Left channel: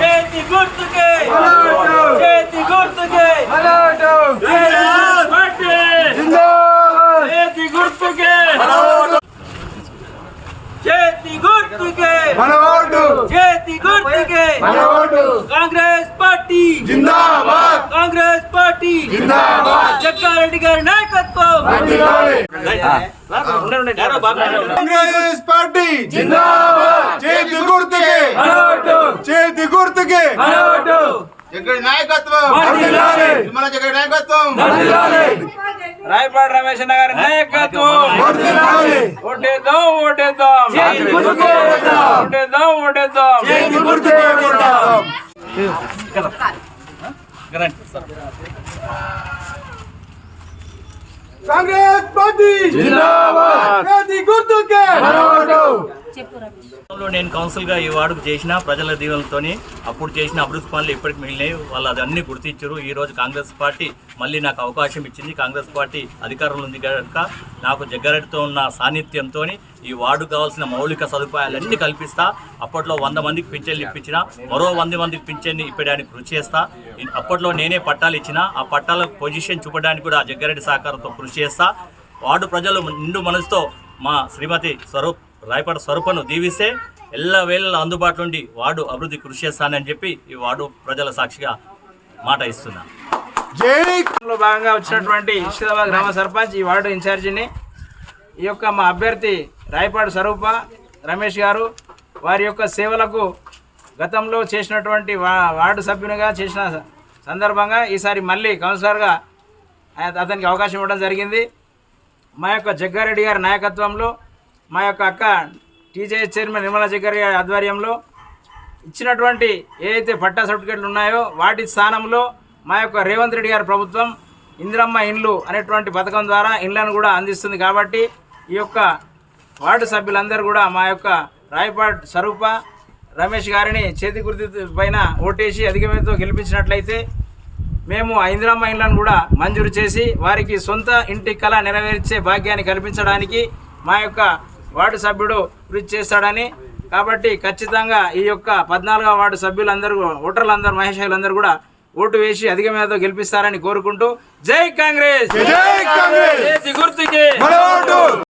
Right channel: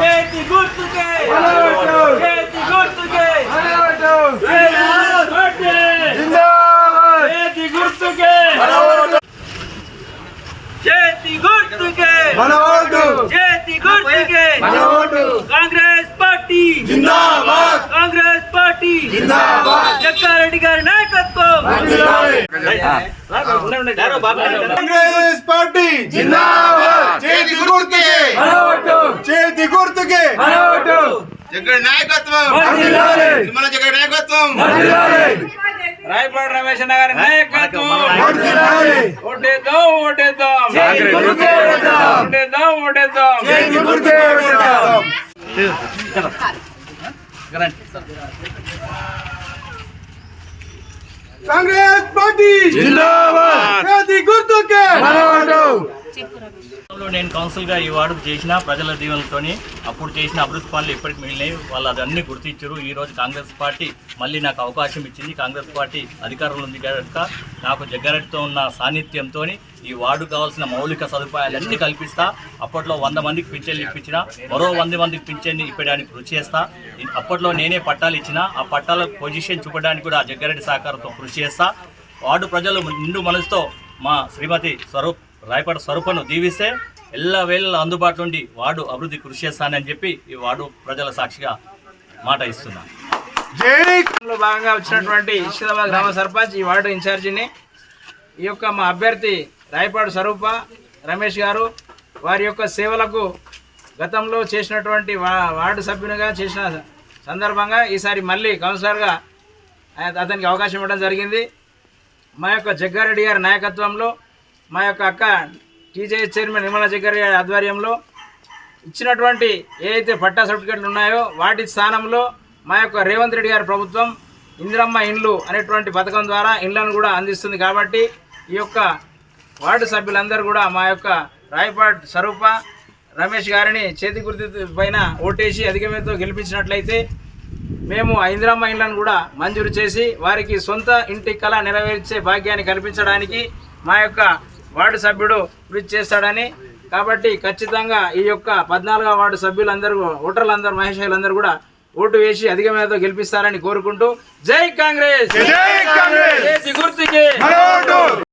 చేతి గుర్తుకే చేతి గుర్తుకే చేతి గుర్తుకే చేతి గుర్తుకే చేతి గుర్తుకే కాంగ్రెస్ పార్టీ జిందాబాద్ కాంగ్రెస్ పార్టీ జిందాబాద్ జగ్గారెడ్డి గారి నాయకత్వం కాంగ్రెస్ పార్టీ జిందాబాద్ చేతి గుర్తుకే చేతి గుర్తుకే జగ్గడి నాయకత్వం మన జగ్గడి నాయకత్వం రాయపాడు రమేష్ గారి నాయకత్వం ఓటేద్దాం ఓటేద్దాం ఓటేద్దాం ఓటేద్దాం కాంగ్రెస్ పార్టీ జిందాబాద్ చేతి గుర్తుకే నేను కౌన్సిల్గా ఈ వార్డుకు చేసిన ప్రజల దీవెనలతోని అప్పుడు చేసిన అభివృద్ధి పనులు ఇప్పటికి మిగిలినాయి. వాళ్ళు అదన్నీ గుర్తించారు. ఈరోజు కాంగ్రెస్ పార్టీ మళ్ళీ నాకు అవకాశం ఇచ్చింది. కాంగ్రెస్ పార్టీ అధికారంలో ఉంది కనుక నాకు జగ్గారెడ్డితో ఉన్న సాన్నిధ్యంతో ఈ వార్డుకు కావాల్సిన మౌలిక సదుపాయాలన్నీ కల్పిస్తా. అప్పట్లో 100 మందికి పింఛన్లు ఇప్పించిన, మరో 100 మందికి పింఛన్ని ఇప్పడానికి కృషి చేస్తా. అప్పట్లో నేనే పట్టాలు ఇచ్చిన, ఆ పట్టాల పొజిషన్ చూపడానికి కూడా జగ్గారెడ్డి సహకారంతో కృషి చేస్తా. వార్డు ప్రజలు నిండు మనసుతో మా శ్రీమతి రాయపాడు స్వరూపను దీవిస్తే ఎల్లవేళ అందుబాటులో ఉండి వార్డు అభివృద్ధి కృషి చేస్తానని చెప్పి ఈ వార్డు ప్రజల సాక్షిగా మాట ఇస్తున్నా. భాగంగా వచ్చినటువంటి ఇష్టాబాద్ గ్రామ సర్పంచ్ ఈ వార్డు ఇన్ఛార్జిని ఈ యొక్క మా అభ్యర్థి రాయపాడు స్వరూప రమేష్ గారు వారి యొక్క సేవలకు గతంలో చేసినటువంటి వార్డు సభ్యునిగా చేసిన సందర్భంగా ఈసారి మళ్ళీ కౌన్సిలర్గా అతనికి అవకాశం ఇవ్వడం జరిగింది. మా యొక్క జగ్గారెడ్డి గారి నాయకత్వంలో మా యొక్క అక్క టీజేఎస్ చైర్మన్ నిర్మలా జగ్గారెడ్డి గారి ఆధ్వర్యంలో ఇచ్చినటువంటి ఏదైతే పట్టా సర్టిఫికెట్లు ఉన్నాయో వాటి స్థానంలో మా యొక్క రేవంత్ రెడ్డి గారి ప్రభుత్వం ఇందిరమ్మ ఇండ్లు అనేటువంటి పథకం ద్వారా ఇండ్లను కూడా అందిస్తుంది. కాబట్టి ఈ యొక్క వార్డు సభ్యులందరూ కూడా మా యొక్క రాయపాడ్ స్వరూప రమేష్ గారిని చేతి గుర్తు పైన ఓటేసి అధికమేతో గెలిపించినట్లయితే మేము ఆ ఇందిరమ్మ ఇండ్లను కూడా మంజూరు చేసి వారికి సొంత ఇంటి కళ నెరవేర్చే భాగ్యాన్ని కల్పించడానికి మా యొక్క వార్డు సభ్యుడు కృషి చేస్తాడని, కాబట్టి ఖచ్చితంగా ఈ యొక్క 14వ వార్డు సభ్యులందరూ ఓటర్లందరూ మహేషులందరూ కూడా ఓటు వేసి అధిక మేరతో గెలిపిస్తారని కోరుకుంటూ జై కాంగ్రెస్.